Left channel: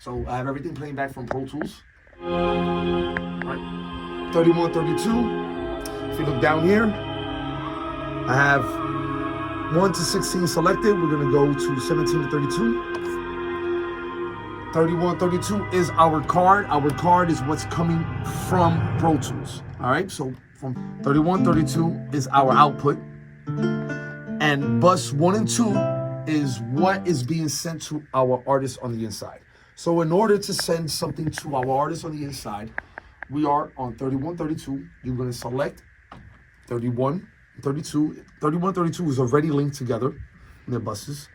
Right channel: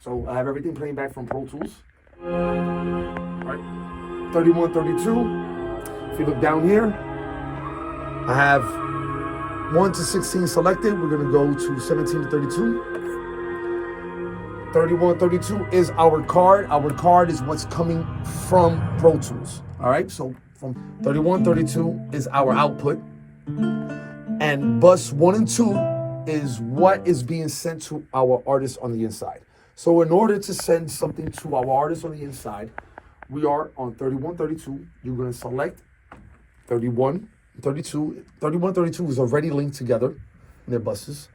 So I have everything playing back from Pro Tools. All right. 31, 32. If you look down here, I have 1 to 16 selected. We're gonna go to 17 to 32. 31, 32 is our card. Our card is what's coming from Pro Tools. All right, so from 31, 32 is our output. And bus 1 and 2 is what is being sent to our artists on the inside. So in order to send something to our artists on the inside, we are on 31, 32. You're gonna select 31, 32. 31, 32 is already linked together in their buses.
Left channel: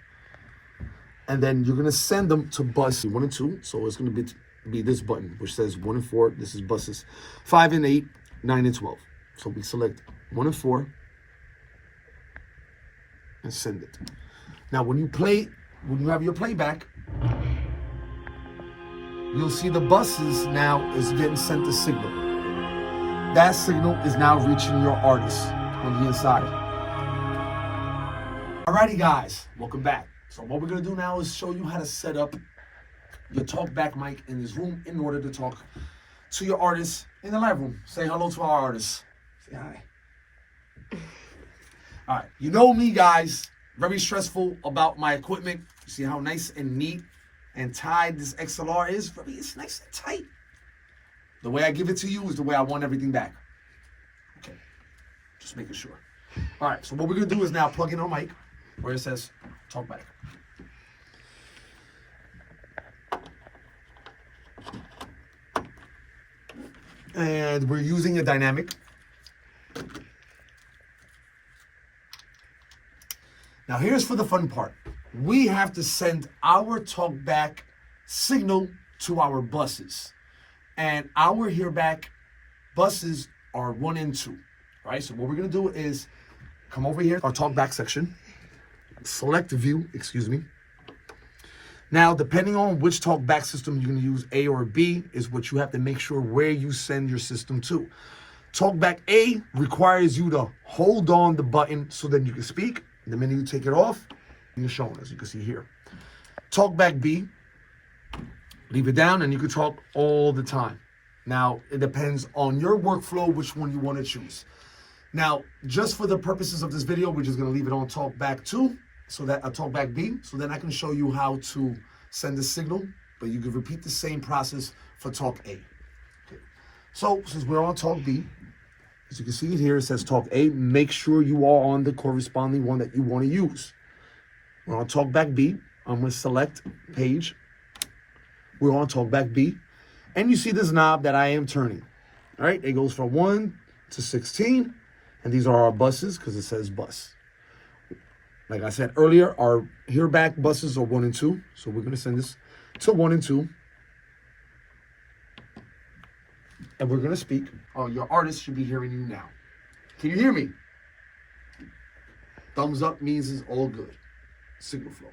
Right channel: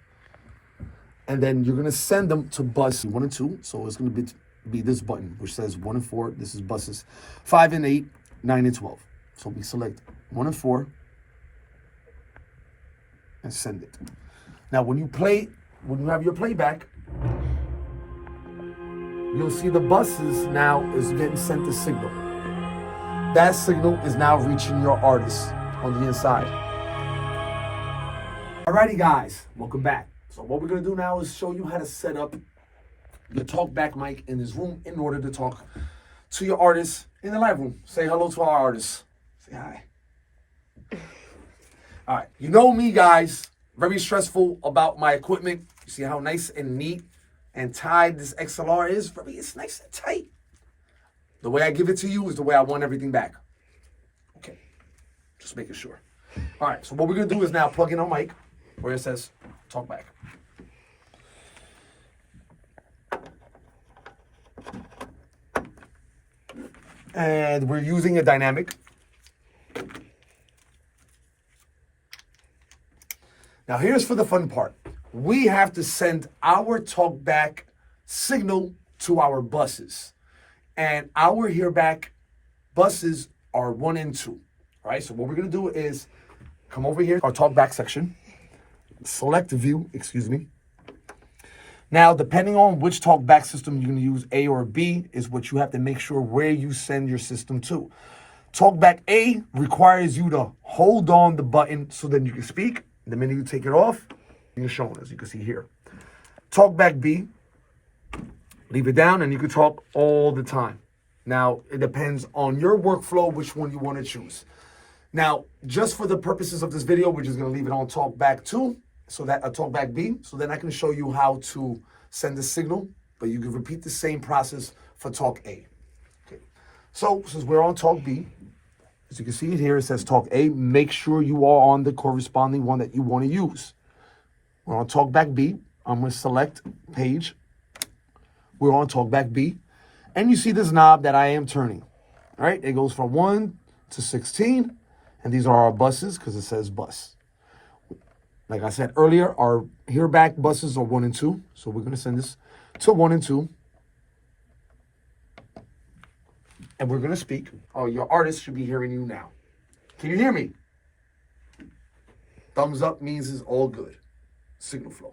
And then you're gonna send them to bus 1 and 2. So it's gonna be this button, which says 1 and 4. This is buses 5 and 8, 9 and 12. So we select 1 and 4 and send it. Now, when you have your playback, you'll see the buses now is getting sent a signal. That signal is now reaching your artist on the inside. Alrighty, guys, welcome back. So what we're gonna do now is show you how to set up your talkback mic in this room in order to talk to your artists in the live room. Say hello to our artists. Say hi. All right, you know me, guys. Very stressful about my equipment. You see how nice and neat and tied this XLR is? It's nice and tight. The way I give it to you is the way I want everything back. Okay, just making sure. All right, so what we're gonna do is now plug in our mic where it says talk back. And we're using a dynamic. Now here's for the fun part. We have to send our talkback signal to our buses. And our hearback buses are 1 and 2. All right, so what we're gonna do is come over here, our talkback section, select view, Now, depending on which talkback system you're gonna use, A or B, is what you have to make sure where you send your system to. Talkback A requires you to hold on the button so that you can speak. The minute you take it off, you're shown, as you can see here. Talkback B, leave it down and you can talk all the time. Now, it depends on your workflow, which one you want to choose. Now, just for the purposes of this video, we're just gonna leave it on talkback 2, so that talkback B, so then I can show you how to send the signal, but you can repeat the same process for talk A. Okay. So since we're on talk B, as you can see it here, it says talk A. Make sure you are on the corresponding one that you want to use. We're on talkback B. I'm going to select page. We're on talkback B. And you see this knob that I am turning. All right, it goes from 1 to 16. And these are our buses because it says bus. Like I said earlier, our hearback buses are 1 and 2. So we're going to send this to 1 and 2. And we're gonna speak. Oh, your artist should be hearing you now. Can you hear me? Thumbs up means it's all good. Signal flow.